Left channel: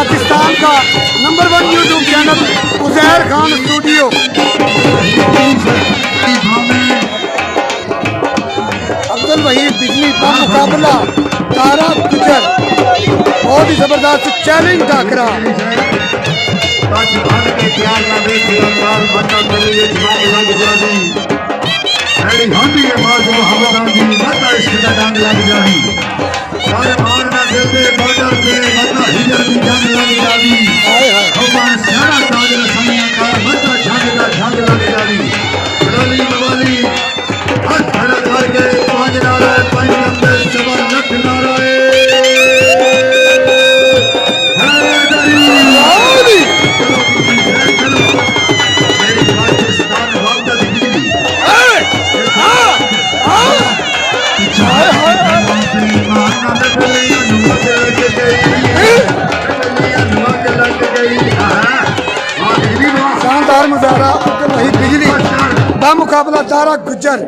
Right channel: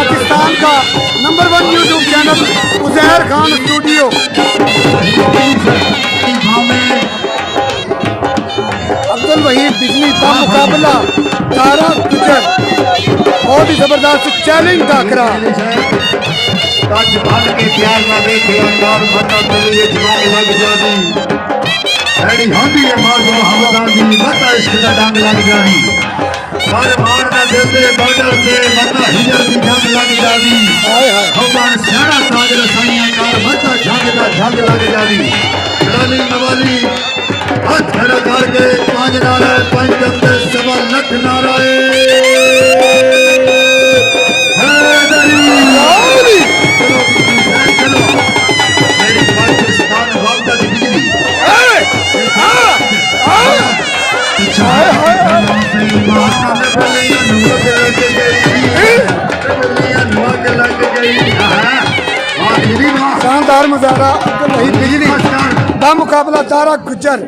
पाकिस्तान का number 1 YouTube channel Uzair Khan studio. Abdul Waheed बिजली का मुकाबला तारा गुजर, बहुत ही जबरदस्त चैलेंज टाकरा। शानदार मुजाहरा अब्दुल वहीद बिजली का मुकाबला तारा गुजर।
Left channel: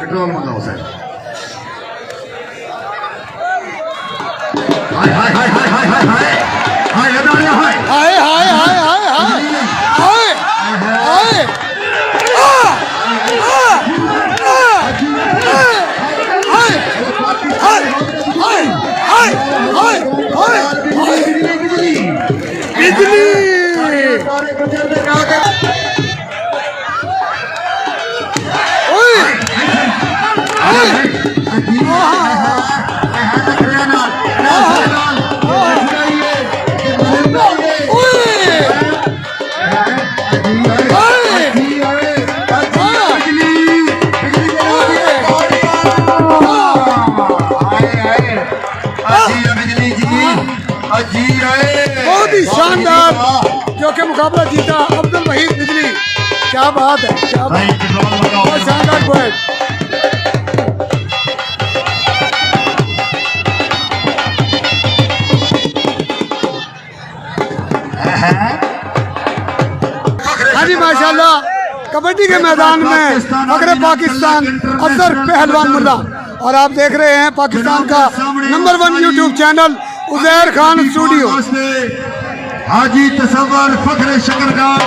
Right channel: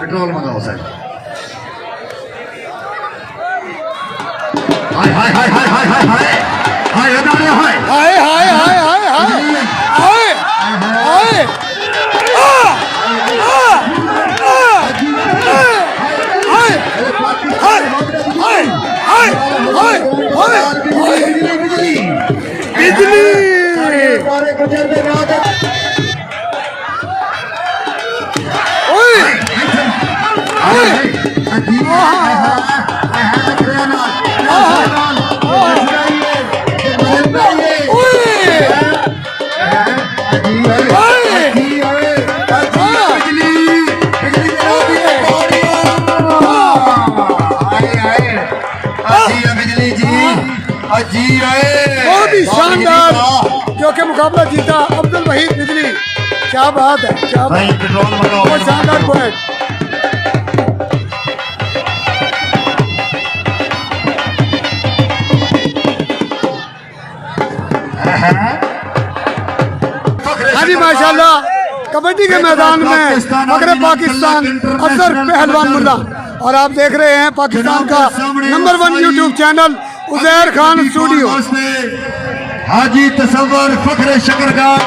Petrol मंगाओ sir. हाय हाय हाय हाय हाय हाय हाय हाय हाय हाय हाय हाय हाय हाय बिजली बहुत ही शानदार क्योंकि मुकाबला जीता अब्दुल वहीद बिजली। क्या बात है, क्या बात, बहुत शानदार पॉइंट। हाँ जी माशाल्लाह, कबड्डी के मैदान में फखरे पाकिस्तान अफसर पहलवान मुल्ला, और आप देख रहे हैं पाकिस्तान का number 1 YouTube channel Uzair Khan studio. Haji Tasawwur Fakhre शकरगार